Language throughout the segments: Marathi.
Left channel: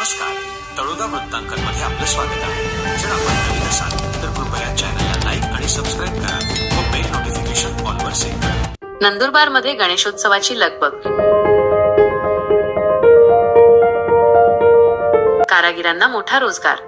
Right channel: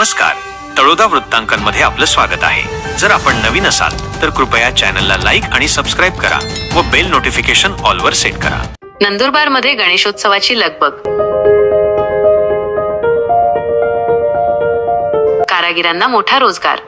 नमस्कार. तळोदा वृत्तांकनमध्ये आपलं स्वागत आहे. जर आपण नवीन असाल तर कृपया चॅनलला लाईक आणि सबस्क्राईब करा व बेल नोटिफिकेशन ऑलवर सेट करा. नंदुरबारमध्ये गणेशोत्सवाची लगबग. कारागिरांना मोठा रोजगार.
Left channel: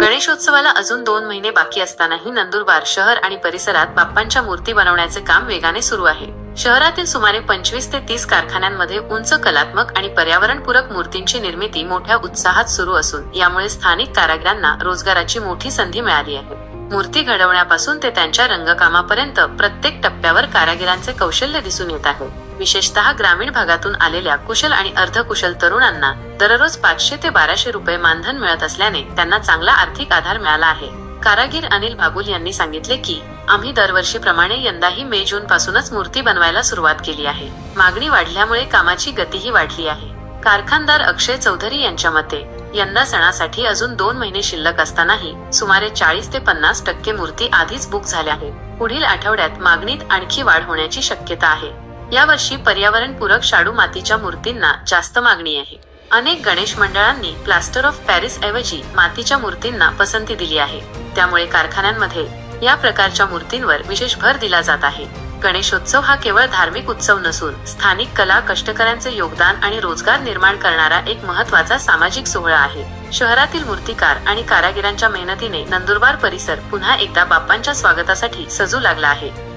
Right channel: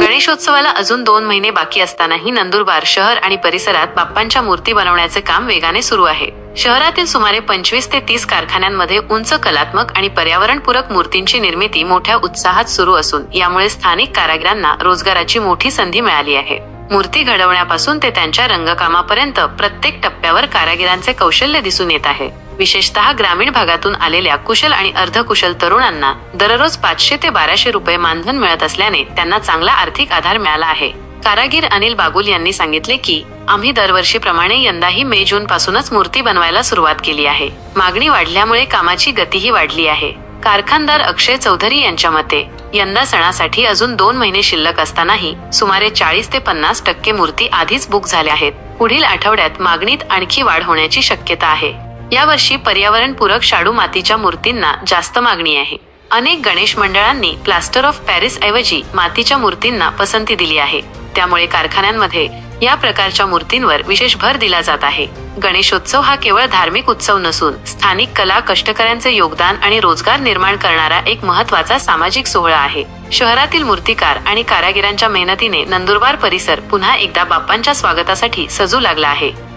गणेशोत्सवाला अजून दोन महिने बाकी असतानाही नंदुरबार शहर आणि परिसरात बाप्पांच्या मूर्ती बनवण्याचे काम वेगाने सुरू आहे. शहरातील सुमारे पंचवीस ते तीस कारखान्यांमध्ये उंच कलात्मक आणि पर्यावरणपूरक मूर्तींची निर्मिती मोठ्या उत्साहात सुरू असून यामुळे स्थानिक कारागिरांना रोजगाराची मोठी संधी मिळाली आहे. मूर्ती घडवण्यापासून ते त्यांच्या रंगकामापर्यंत प्रत्येक टप्प्यावर कारागिरांचे कौशल्य दिसून येत आहे. विशेषतः ग्रामीण भागातून आलेल्या कुशल आणि अर्धकुशल तरुणांना दररोज पाचशे ते बाराशे रुपये मानधन मिळत असल्याने त्यांना चांगला आर्थिक आधार मिळाला आहे. कारागीर अनिल बागुल यांनी सांगितले की आम्ही दरवर्षीप्रमाणे यंदाही मे जून पासूनच मूर्ती बनवायला सुरुवात केली आहे. मागणी वाढल्यामुळे कामाची गतीही वाढली आहे. कारखानदार अक्षय चौधरी यांच्या मते यंदा सणासाठी अजून दोन महिने शिल्लक असतानाही सुमारे चाळीस ते पन्नास टक्के मूर्ती आधीच बुक झाल्या आहेत. पुढील आठवड्यात मागणीत आणखी वाढ होण्याची शक्यता आहे. यावर्षी पर्यावरणपूरक शाडू मातीच्या मूर्तींना जास्त मागणी आहे. अनेक गणेश मंडळांनी प्लास्टर ऑफ पॅरिस ऐवजी मातीच्या मूर्तींना पसंती दिली आहे. त्यामुळे कारखान्यांमध्ये या प्रकारच्या मूर्तींवर विशेष भर दिला जात आहे. गणेशोत्सव हा केवळ धार्मिक उत्सव नसून स्थानिक कला कष्टकऱ्यांचे योगदान आणि रोजगार निर्माण करणारा एक महत्त्वाचा सामाजिक सोहळा आहे. शहरातील मूर्तिकार आणि कारागिरांच्या मेहनतीने नंदुरबार परिसर पुन्हा एकदा बाप्पांच्या स्वागतासाठी सजू लागला आहे.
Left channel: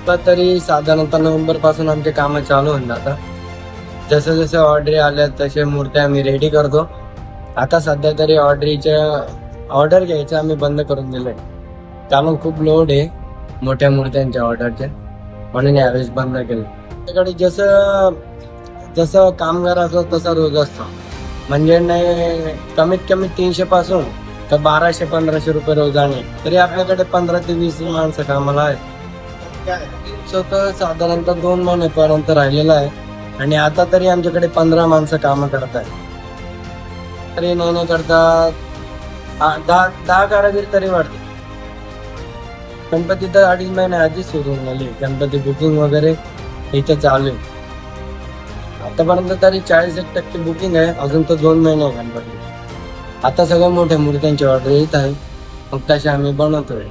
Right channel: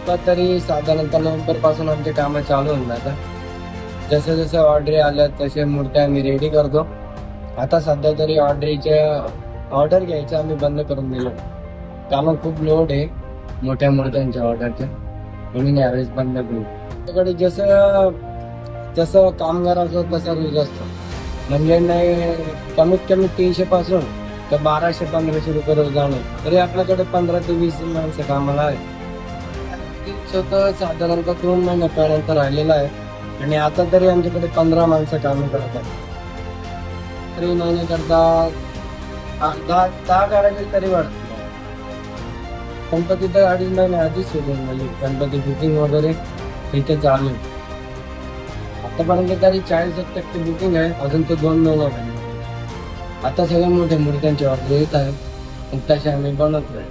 आता तरी साधारणतः नोव्हेंबरपासून आमचे काम चालू होऊन जातात. जसं जसं ऑर्डरी आल्या तसे मूर्त्या आम्ही रेडी करतो. आता सध्या तरी ऑर्डरीच्या ऑर्डर घ्यायचं आम्ही बंद करून दिलं कारण खूप लोड आहे मोठ्या मूर्त्यांच्या ऑर्डरचे म्हणून यावेळेस बंद केलं. त्याकडे जसं जसं कामगार असतो तसा रोज असतो. म्हणजे नाही कमीत कमी तीनशे पासून तर बाराशे पंधराशे रुपये रोजाने. तरी आपल्याकडे पंधरा ते वीस माणसं कामाला आहेत. तर साधारणतः दोन महिन्यापर्यंत राहिलेला आहे. आणि आता तरी आमच्याकडे पंधरा माणसं कामं करत आहेत. तरी नाही नाही करता दहा दहा कारागीर तरी वाढते गणपती तर अडीच महिने आधीच सुरू झाली. गणपती बुकिंग वगैरे इथे चालू आहे. आतापर्यंत तरी चाळीस एक टक्के बुकिंग आहे. अजून तर दोन महिने आहे गणपती आता सगळ्या मोठ्या मूर्त्यांची ऑर्डर येत आहे. मग तसे आम्ही बनवतोय.